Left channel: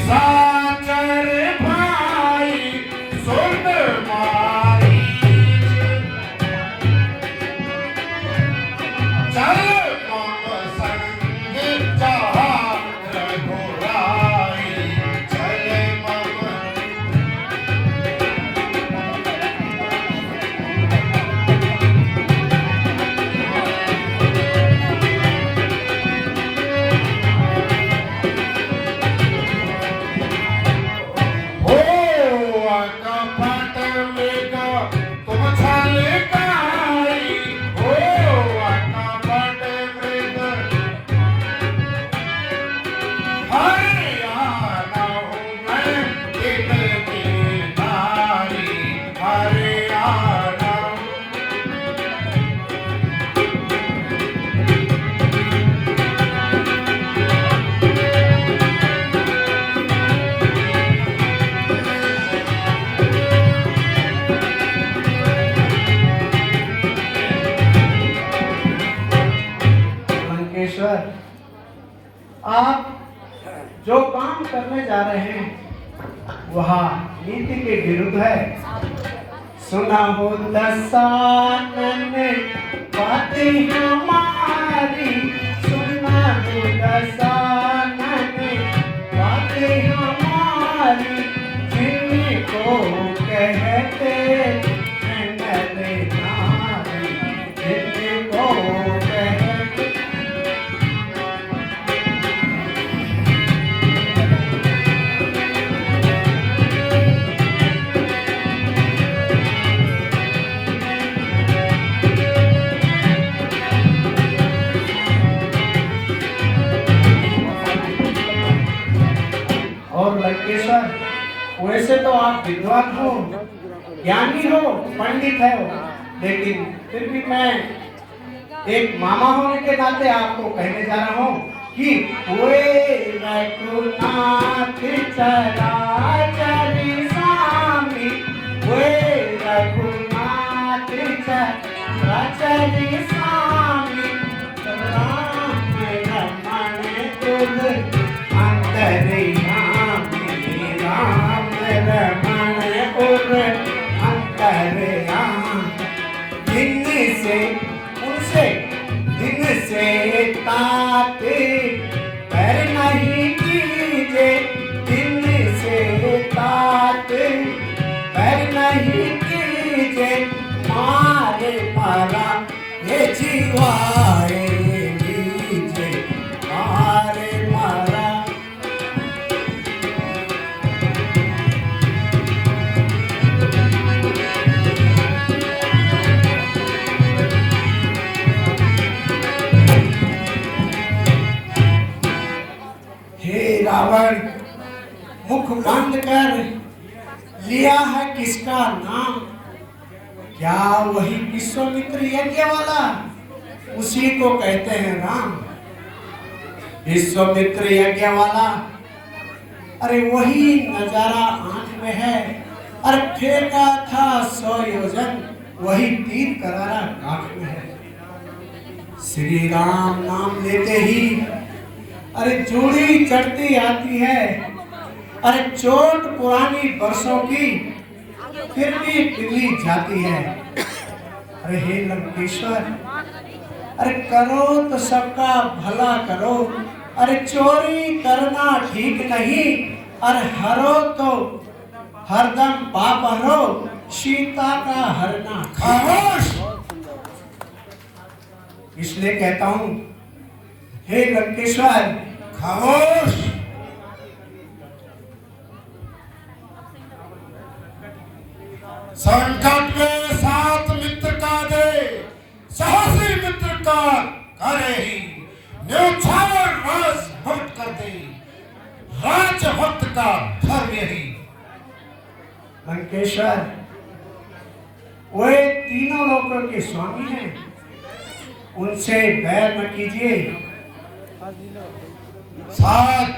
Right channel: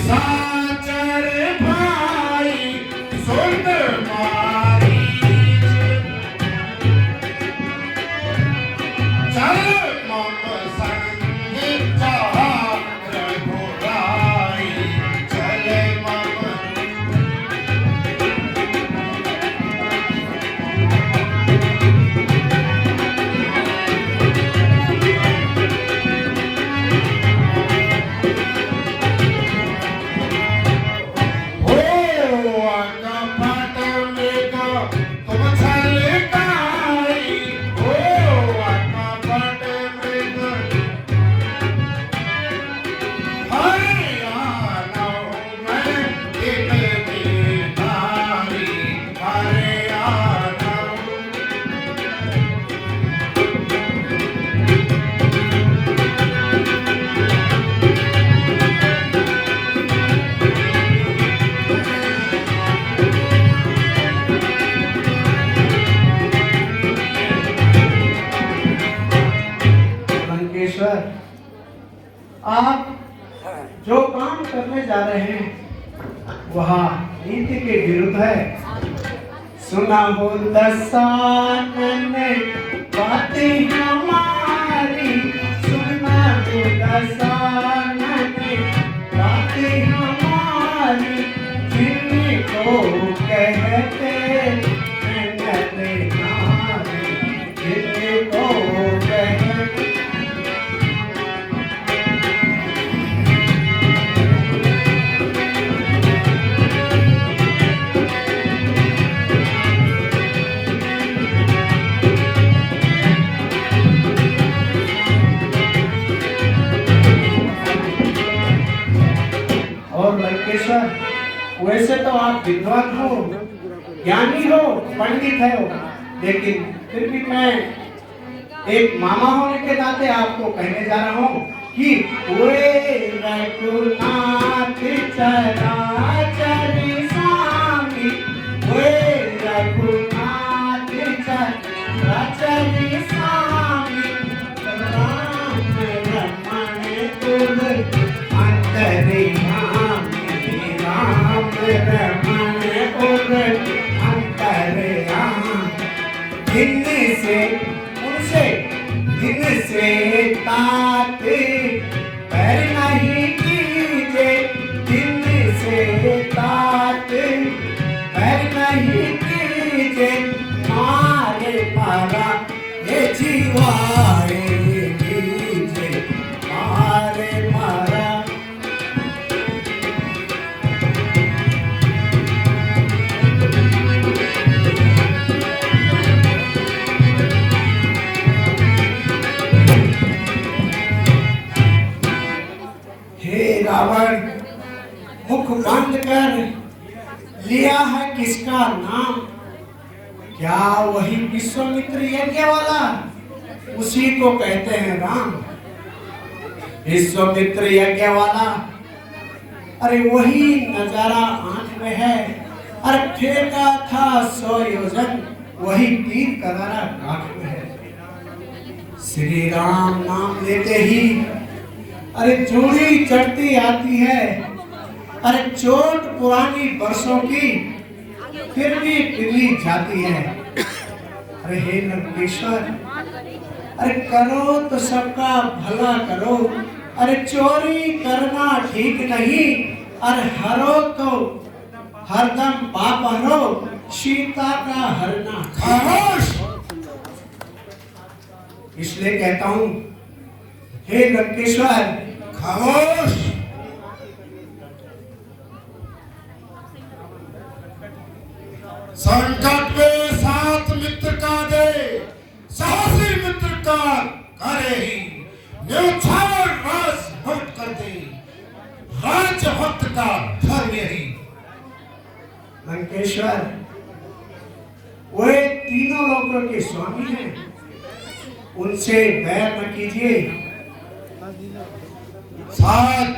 निशाचर भाई सुन मारी चल मम संग चाहत रघुराई चल मम आप जो काम करने जा रहे हैं वह नीति के विरुद्ध है। सुना हो दसानन बातें हमारी सुना हो दसानन बातें हमारी जिनको कहते हैं नरे नारी जिनको कहते वैसे तो आप विद्वान हो, ज्ञानी हो, पंडित हो, लेकिन फिर भी मैं एक मामा होने के नाते आपको कहने जा रहा हूँ कि वे रघुनाथ चराचर स्वामी वे रघुनाथ चराचर स्वामी राम रमण कुल अंतर्यामी राम रमण कुल अंतर्यामी दिन से उनसे दिन से ताते पर नहीं कीजे दिन से ताते पर नहीं कीजे मारे मारा ये जीवाए लीजे मारे मारा रावण मुख बंद कर लिया है किसका नाम? क्या वही विश्वामित्र यज्ञ वाला? उसी को कहते हैं राम। विश्वामित्र यज्ञ वाला, अरे वही नजारा आंख में है। अरे फेंका था 100 योजन, वही तीर करारा आंख में है। श्री राम नाम लेते ही अरे चूड़ी चढ़ती आती है। अरे चोट पुरानी बरसों की फिर भी पिघली जाती है। अरे हे लंकेश्वर, अरे करो तो सबका भला करो। अरे चोरी करना ठीक नहीं। अरे हरो तो हरदम पाप हरो, सीता का हरना खामोश। इसलिए कहता हूं हे लंकेश्वर खामोश। संकट में साथ मित्र का दे, साहसी मित्र का करे ही। न्योछावर राज भक्त कर दे, राज भक्त का धर्म यही। लंकेश्वर वे तीनों लोकों के स्वामी हैं, उनसे बैर न कीजिए। शायद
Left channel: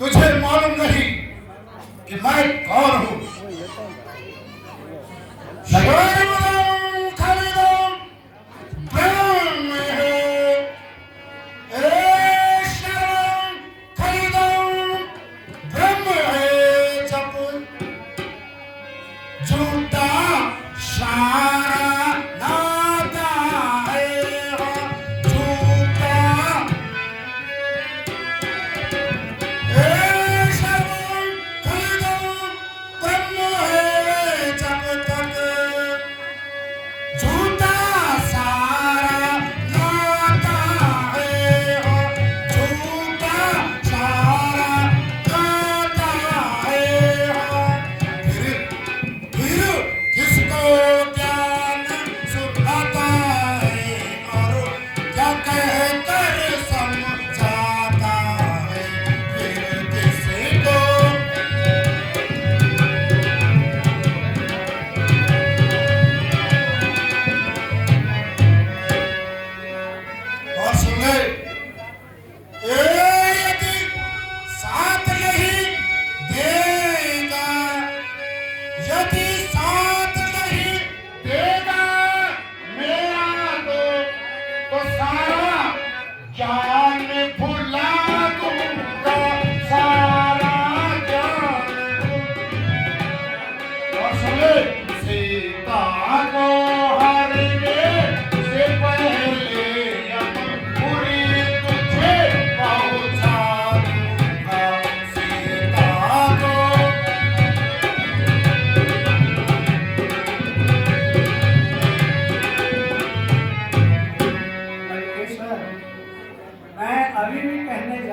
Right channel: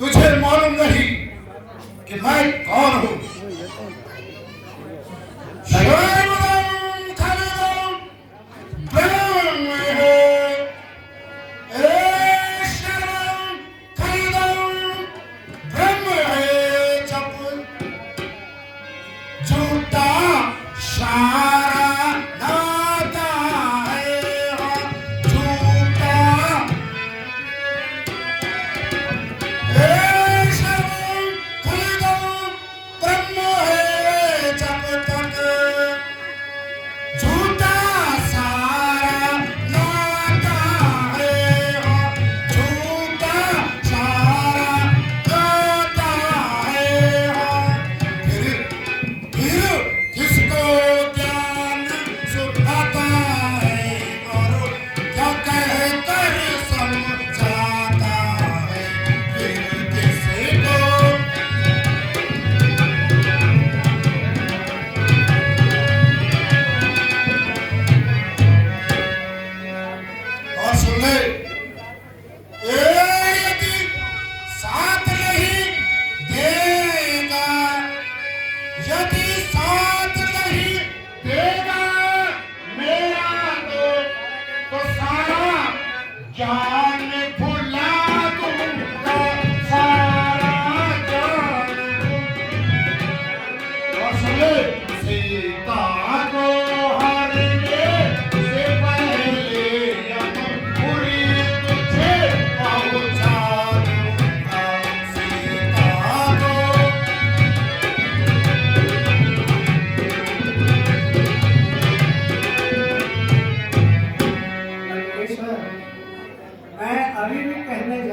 तुझे मालूम नहीं कि मैं कौन हूँ।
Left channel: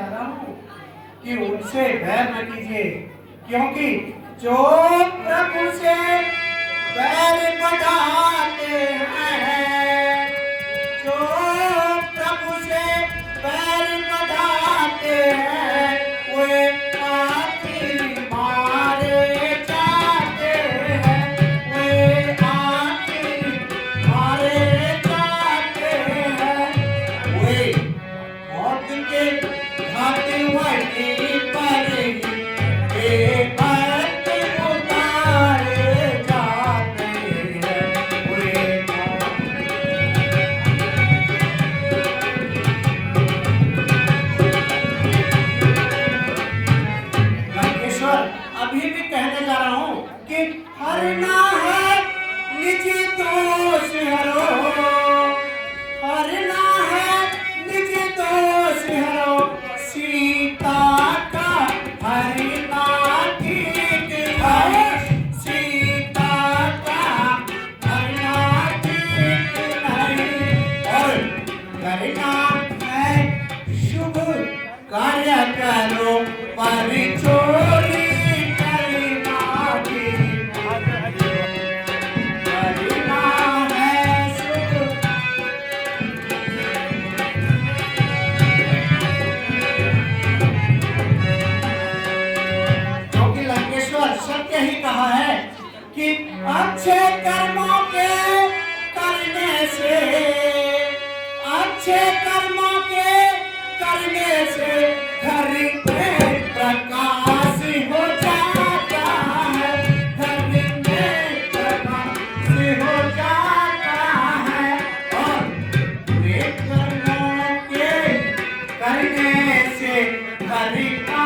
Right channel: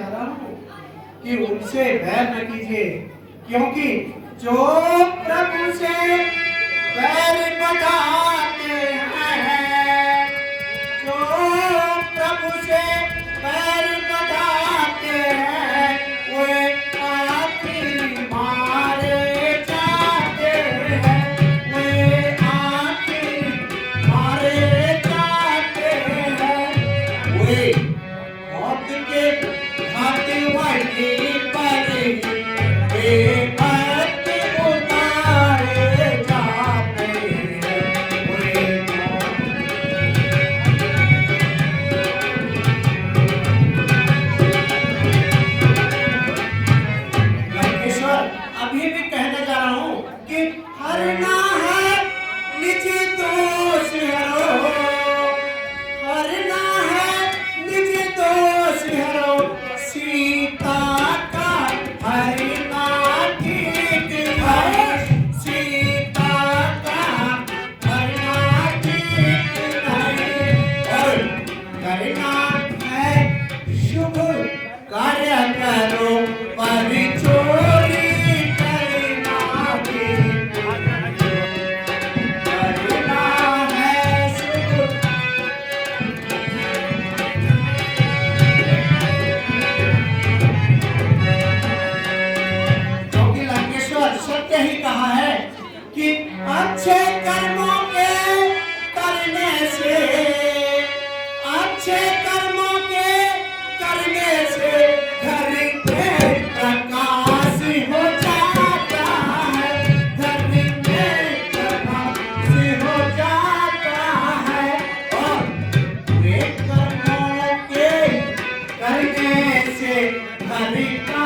जा रहा हूँ कि उनसे वैर न कीजिए, क्योंकि जो प्रभु से वैर बढ़ाते हैं, जो प्रभु से वैर बढ़ाते हैं, वे आखिर मारे जाते हैं, वे आखिर मारे जाते हैं, वे मौत के घाटे वाली पर वे मौत उतारे जाते हैं, वे मौत। लंकेश्वर, अभी भी कहने जा रहा हूँ कि हरना है निज दोष हरो, हरना है निज दोष हरो, सीता का हरना ठीक है, सीता का हरना ठीक नहीं, और करना है शुभ कार्य करो पर चोरी करना ठीक नहीं, करना है शुभ। क्योंकि लंकेश्वर सत्य ही कहा है कि अच्छे कर्मों के करने से, अच्छे कर्मों के करने से घर में प्रकाश हो जाता है, घर में प्रकाश हो जाता है, और नेक कर्मों के करने से घर का